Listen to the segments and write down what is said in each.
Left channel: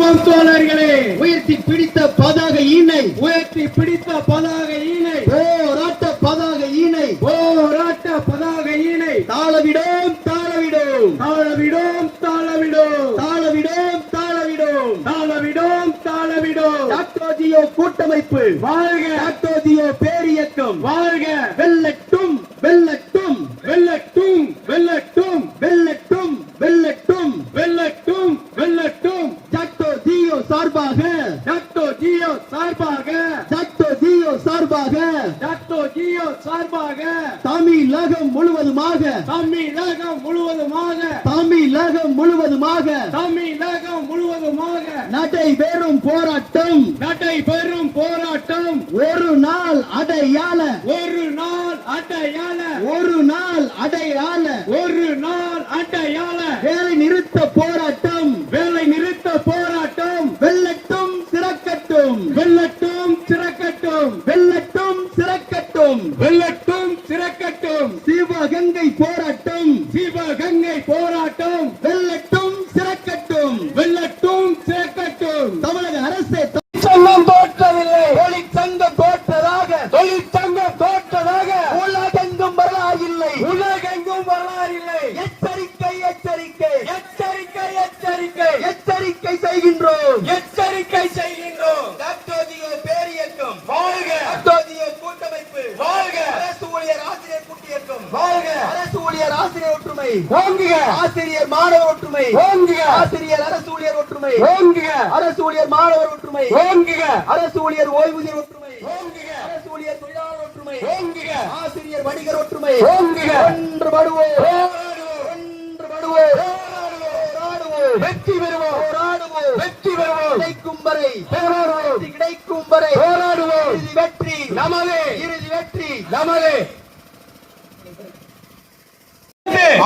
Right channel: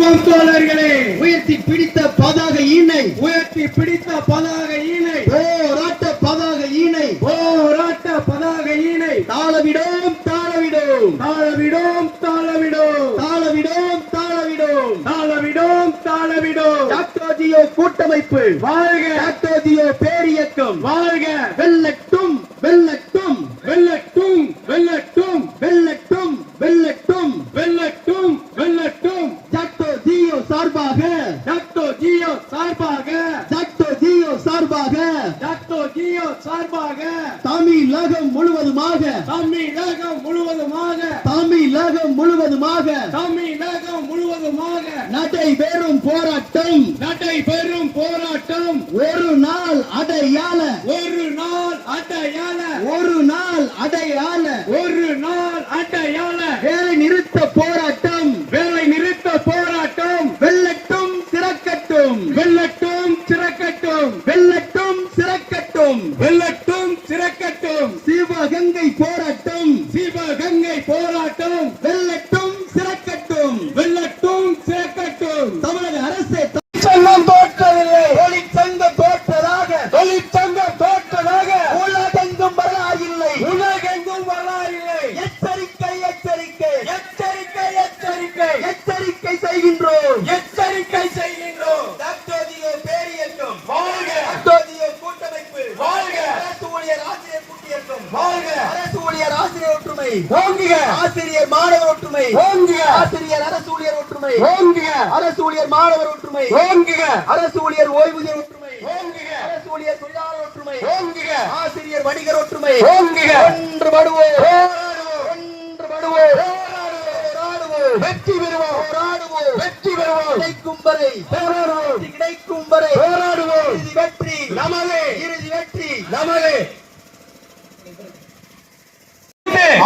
தோழர்களே, உயர்த்தி பிடித்த பதாகை ஈனை, உயர்த்தி பிடித்த பதாகை ஈனை, போராட்ட பதாகை ஈனை, போராட்ட பதாகை ஈனை, தாளவிடோம் தாளவிடோம் தாளவிடோம் தாளவிடோம் தாளவிடோம் தாளவிடோம் தாளவிடோம் தாளவிடோம். டாக்டர் ஜியோ கூட்டமைப்பு வாழ்க, டாக்டர் ஜியோ பேரியக்கம் வாழ்க, வெல்லட்டும் வெல்லட்டும் வெல்லட்டும் வெல்லட்டும் வெல்லட்டும் வெல்லட்டும் வெல்லட்டும் வெல்லட்டும். டாக்டர் ஜியோ சார்பாக, டாக்டர் ஜியோ சார்பாக, டாக்டர் ஜியோ சார்பாக, டாக்டர் ஜியோ சார்பாக, தமிழகம் முழுவதுமாக, தமிழகம் முழுவதுமாக, தமிழகம் முழுவதுமாக, தமிழகம் முழுவதுமாக நடைபெறும் போராட்டம், நடைபெறும் போராட்டம். ஒரு நாள் அடையாள, ஒரு நாள் அடையாள, ஒரு நாள் அடையாள, ஒரு நாள் அடையாள. வேலை நிறுத்த போராட்டம், வேலை நிறுத்த போராட்டம். வெல்லட்டும் சிறக்கட்டும், வெல்லட்டும் சிறக்கட்டும், வெல்லட்டும் சிறக்கட்டும், வெல்லட்டும் சிறக்கட்டும். சிவகங்கை போராட்டம், சிவகங்கை போராட்டம். வெல்லட்டும் சிறக்கட்டும், வெல்லட்டும் சிறக்கட்டும். தமிழக அரசே தொழிற்சங்கம் தோற்றவில்லை, தொழிற்சங்கம் தோற்றதாக, தொழிற்சங்கம் தோற்றதாக உலகெங்கும் வரலாறில்லை, உலகெங்கும் வரலாறில்லை. எச்சரிக்கை எச்சரிக்கை எச்சரிக்கை எச்சரிக்கை எச்சரிக்கை செய்கின்றோம், எச்சரிக்கை செய்கின்றோம். டாக்டர் ஜியோ பேரியக்கம் வாழ்க, டாக்டர் ஜியோ கூட்டமைப்பு வாழ்க, அரசு ஊழியர் ஆசிரியர் கூட்டியக்கம் வாழ்க, அரசு ஊழியர் ஆசிரியர் ஒற்றுமை ஓங்குக, ஆசிரியர் மாணவர் ஒற்றுமை ஓங்குக, ஆசிரியர் அரசு ஊழியர் ஒற்றுமை ஓங்குக, அரசு ஊழியர் மாணவர் ஒற்றுமை ஓங்குக, அரசு ஊழியர் ஓய்வூதியர் ஒற்றுமை ஓங்குக, அரசு ஊழியர் தொழிலாளர் ஒற்றுமை ஓங்குக, ஆசிரியர் வணிகர் ஒற்றுமை ஓங்குக. ஒன்றுபடுவோம், ஒன்றுபடுவோம், வெற்றி பெறுவோம், போராடுவோம், வெற்றி பெறுவோம். கிடைக்கும் வரை போராடுவோம், கிடைக்கும் வரை போராடுவோம். இறுதி வெற்றி நமதே, இறுதி வெற்றி நமதே.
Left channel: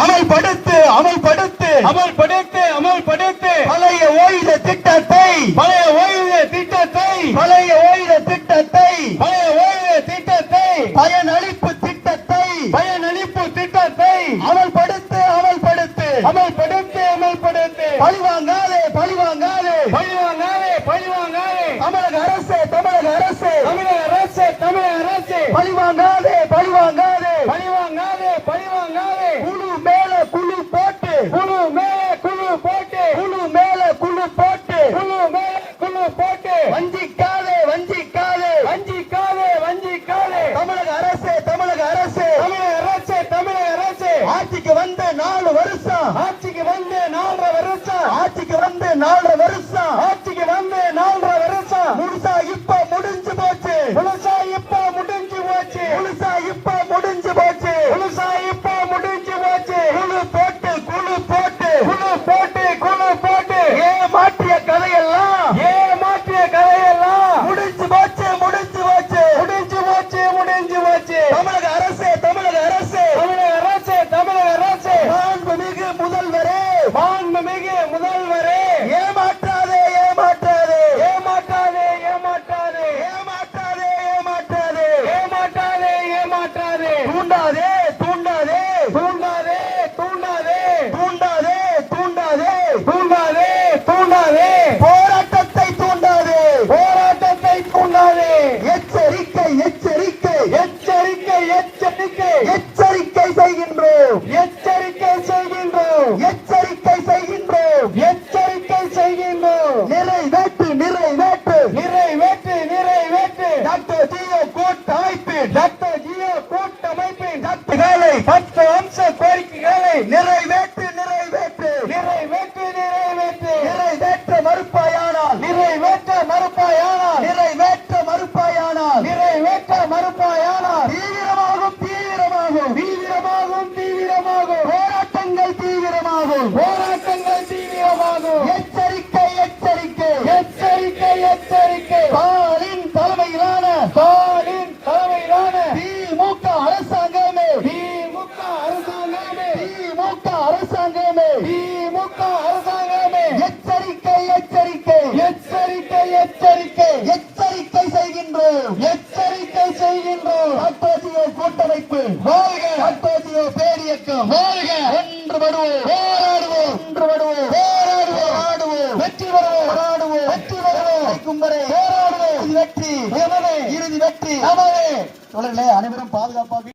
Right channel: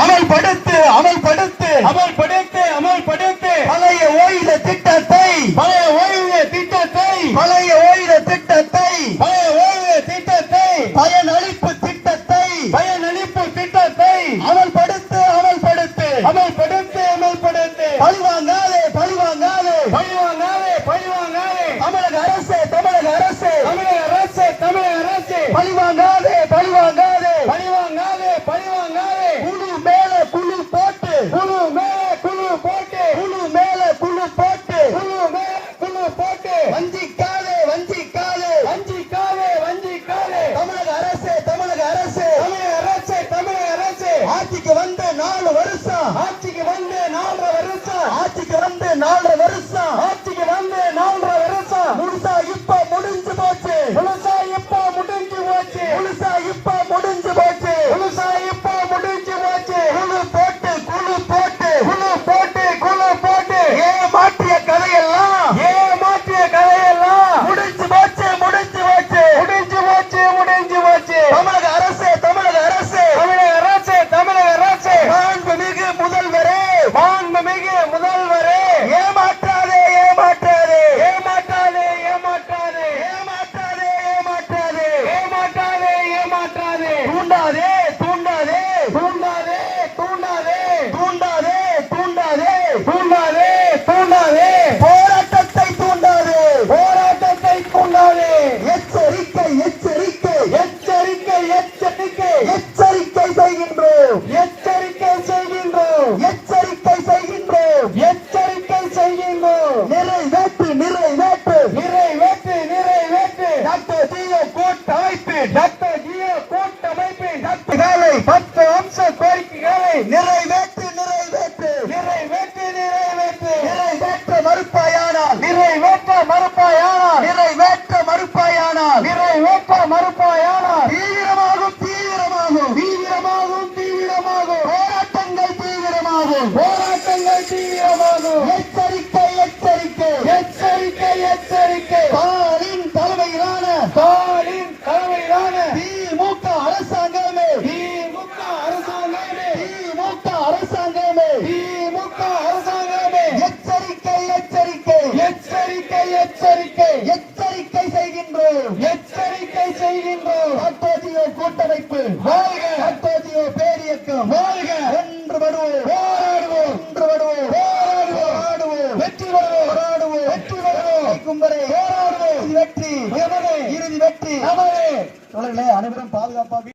அமல்படுத்து அமல்படுத்து அமல்படுத்து அமல்படுத்து பழைய ஓய்வு திட்டத்தை, பழைய ஓய்வு திட்டத்தை, பழைய ஓய்வு திட்டத்தை, பழைய ஓய்வு திட்டத்தை, பயனளிப்பு திட்டத்தை, பயனளிப்பு திட்டத்தை அமல்படுத்து அமல்படுத்து அமல்படுத்து அமல்படுத்து. பழிவாங்காதே பழிவாங்காதே பழிவாங்காதே பழிவாங்காதே. தமிழக அரசு, தமிழக அரசு, தமிழக அரசு, தமிழக அரசு. பழிவாங்காதே பழிவாங்காதே பழிவாங்காதே பழிவாங்காதே. குழு மேல குழு போட்டு, குழு மேல குழு போட்டு, குழு மேல குழு போட்டு, குழு மேல குழு போட்டு. வஞ்சிக்காதே வஞ்சிக்காதே வஞ்சிக்காதே வஞ்சிக்காதே. தமிழக அரசு, தமிழக அரசு, தமிழக அரசு, தமிழக அரசு. ஆட்சிக்கு வந்து 4 வருஷம், ஆட்சிக்கு வந்து 4 வருஷம், ஆட்சிக்கு வந்து 4 வருஷம், ஆட்சிக்கு வந்து 4 வருஷம். முழுசா இப்ப முடிஞ்சு போச்சு, முழுசா இப்ப முடிஞ்சு போச்சு, முழுசா இப்ப முடிஞ்சு போச்சு, முழுசா இப்ப முடிஞ்சு போச்சு. குழு போட்டு, குழு போட்டு, குழு போட்டு, குழு போட்டு. ஏமாற்றிய கதையெல்லாம், ஏமாற்றிய கதையெல்லாம் முடிஞ்சு போச்சு, முடிஞ்சு போச்சு, முடிஞ்சு போச்சு, முடிஞ்சு போச்சு. தமிழக அரசு, தமிழக அரசு, தமிழக அரசு, தமிழக அரசு. மாண்புமிகு முதல்வரே, மாண்புமிகு முதல்வரே, ஏமாற்றாதே ஏமாற்றாதே ஏமாற்றாதே ஏமாற்றாதே ஏமாற்றாதே ஏமாற்றாதே ஏமாற்றாதே ஏமாற்றாதே. தூண்டாதே தூண்டாதே தூண்டாதே தூண்டாதே தூண்டாதே தூண்டாதே தூண்டாதே தூண்டாதே. போராட்டத்தை தூண்டாதே, போராட்டத்தை தூண்டாதே. எச்சரிக்கை எச்சரிக்கை எச்சரிக்கை எச்சரிக்கை எச்சரிக்கை செய்கின்றோம், எச்சரிக்கை செய்கின்றோம், எச்சரிக்கை செய்கின்றோம், எச்சரிக்கை செய்கின்றோம். நிறைவேற்று நிறைவேற்று நிறைவேற்று நிறைவேற்று. டாக்டர் ஜியோ கூட்டமைப்பு, டாக்டர் ஜியோ கூட்டமைப்பு. டாக்டர்களை 10 அம்ச கோரிக்கைகளை நிறைவேற்று நிறைவேற்று நிறைவேற்று நிறைவேற்று. நிறைவேற்ற மறுப்பாயானால், நிறைவேற்ற மறுப்பாயானால், நிறைவேற்ற மறுப்பாயானால், நிறைவேற்ற மறுப்பாயானால் தீவிரமாகும் தீவிரமாகும் தீவிரமாகும் தீவிரமாகும். போராட்டங்கள் தீவிரமாகும், போராட்டங்கள் தீவிரமாகும். எச்சரிக்கை எச்சரிக்கை எச்சரிக்கை எச்சரிக்கை. ஸ்டாலின் தலைமையிலான, ஸ்டாலின் தலைமையிலான திமுக அரசாங்கமே, திமுக அரசாங்கமே, திமுக அரசாங்கமே, திமுக அரசாங்கமே. எச்சரிக்கை எச்சரிக்கை எச்சரிக்கை எச்சரிக்கை எச்சரிக்கை செய்கின்றோம், எச்சரிக்கை செய்கின்றோம். டாக்டர் ஜியோ கூட்டமைப்பு வாழ்க, டாக்டர் ஜியோ பேரியக்கம் வாழ்க. ஒன்றுபடுவோம், போராடுவோம், ஒன்றுபடுவோம், போராடுவோம், போராடுவோம், வெற்றி பெறுவோம், போராடுவோம். வெற்றி பெறுவோம். கும்பரே போராடுவோம். வெற்றி இறுதி வெற்றி. தோழர்களே, அனைவரும் பாதுகாப்பாக